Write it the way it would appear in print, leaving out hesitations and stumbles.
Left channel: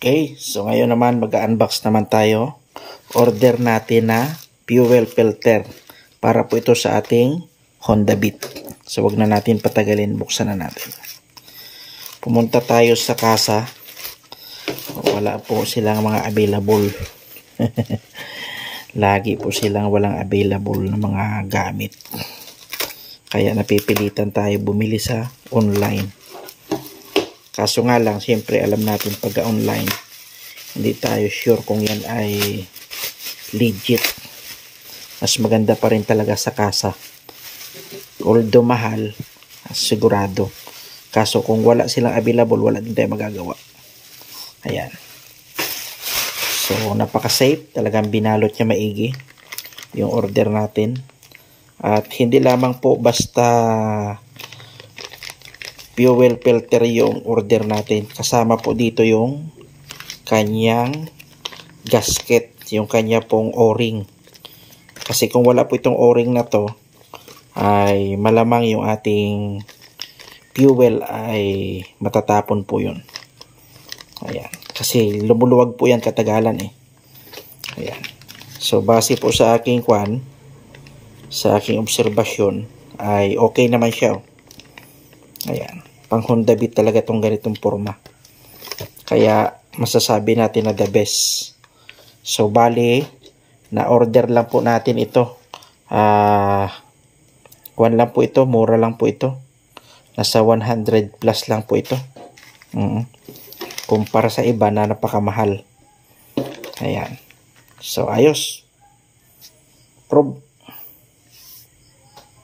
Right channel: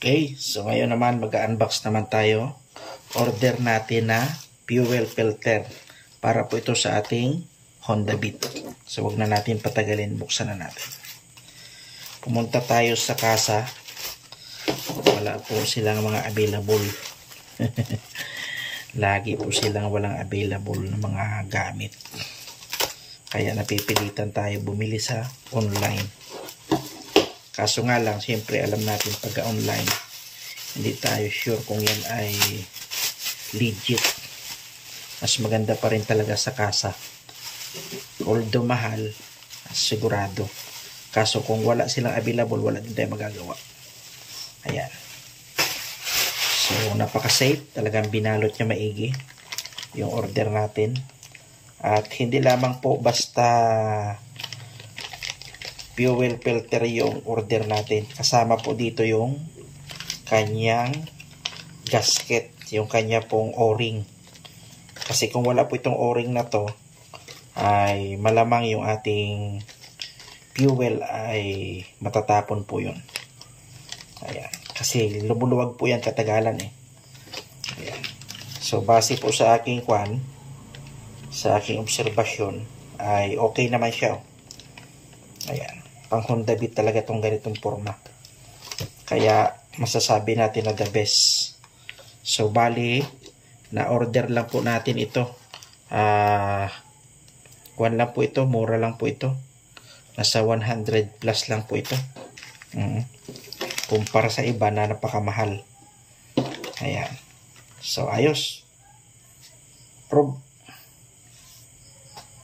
Okay, so ngayon naman mag-unbox naman tayo. Order natin na fuel filter para po ito sa ating Honda Beat. So wag na natin patagalin, buksan na natin. Pumunta tayo sa kasa. Wala po silang mga available. Lagi po silang walang available na mga gamit. Kaya napipilitan tayo bumili sa online. Kaso nga lang, siyempre alam natin pag online, hindi tayo sure kung yan ay legit. Mas maganda pa rin talaga sa kasa. Although mahal, sigurado. Kaso kung wala silang available, wala din tayo magagawa. Ayan. So, napaka-safe. Talagang binalot niya maigi yung order natin. At hindi lamang po basta fuel filter yung order natin. Kasama po dito yung kanyang gasket, yung kanya pong o-ring. Kasi kung wala po itong o-ring na to, ay malamang yung ating fuel ay matatapon po yun. Ayan. Kasi lumuluwag po yan katagalan eh. Ayan. So base po sa aking sa aking obserbasyon, ay okay naman siya. Ayan. Pang Honda Beat talaga itong ganitong forma. Kaya masasabi natin na the best. So bali, na order lang po natin ito. Kuwan lang po ito, mura lang po ito. Nasa 100 plus lang po ito. Kumpara sa iba na napakamahal. Ayan. So ayos.